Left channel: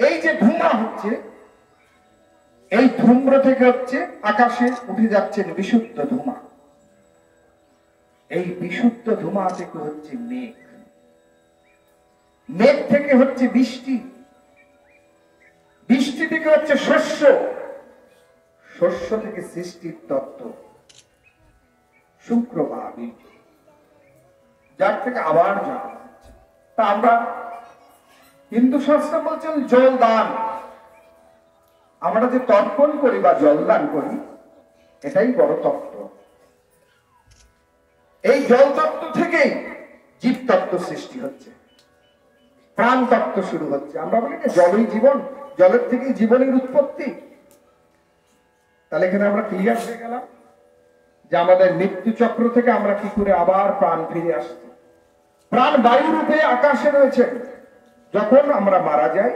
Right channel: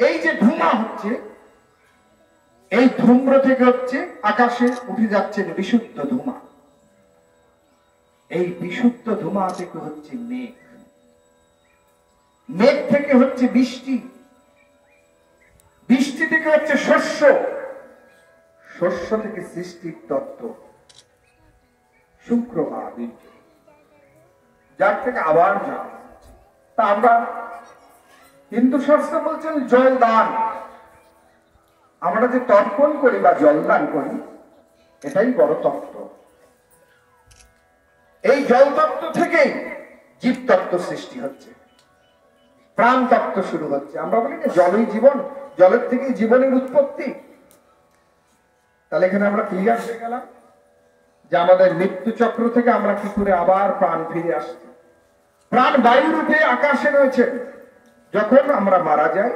এই যে ধোঁয়া হচ্ছে, এই ধূম্র থেকে হচ্ছে আকাশে উঠে যাচ্ছে বিশুদ্ধ ধোঁয়া। এই বিশুদ্ধ ধোঁয়া থেকে হচ্ছে মেঘ, মেঘ থেকে হচ্ছে বৃষ্টি, বৃষ্টি থেকে হচ্ছে শস্য, শস্য থেকে সৃষ্টির তত্ত্ব শুক্র বা বীর্য, যার থেকে আবার জানা যাচ্ছে। তা আমরা হিন্দু শাস্ত্র বলছেন জল দান, আমরা যে তর্পণ করি বা জলদান করি এটাই বড় তত্ত্ব। এই জল তত্ত্ব থেকে জীব তত্ত্ব সৃষ্টি হচ্ছে, প্রাণ তত্ত্ব শুরু হচ্ছে। আমরা বলি যে জলই জীবন, জলের থেকেই জীবনের উৎপত্তি। তাহলে এখানে আমরা ক্লিয়ার হয়ে গেলাম যে আমাদের মৃত্যু চক্র থেকে আমরা কি করে আবার প্রাণ ফিরে আসছি। প্রাণ বায়ু রূপে আকাশে রয়েছে। যখন আমরা মারা যাই,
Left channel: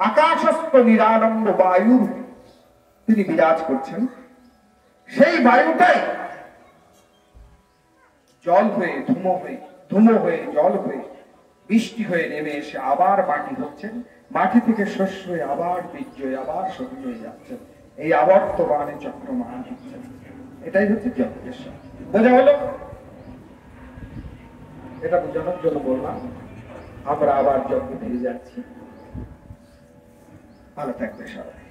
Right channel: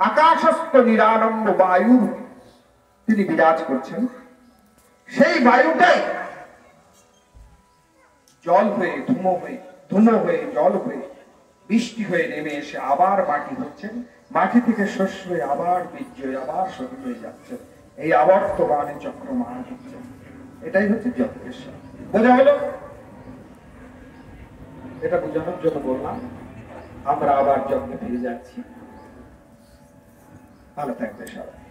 আকাশস্থ নিরানন্দ বায়ু তিনি বিরাজ করছেন। সেই বায়ুটাই জল হয়ে ধুমো হয়ে জল হয়ে বৃষ্টি হয়ে নেমে এসে আবার মাটি হচ্ছেন, মাটি থেকে শস্য হয়ে আবার বীর্য হয়ে আবার সবুজ হয়ে যাচ্ছে। এই আবর্তমানে চক্রমান হচ্ছে, এটাই হচ্ছে যজ্ঞের। বোঝা হলো? এটা বোঝানোর জন্য বললাম। আমরা আবার যজ্ঞে ফিরে যাচ্ছি। ভালো থাকবে সবাই।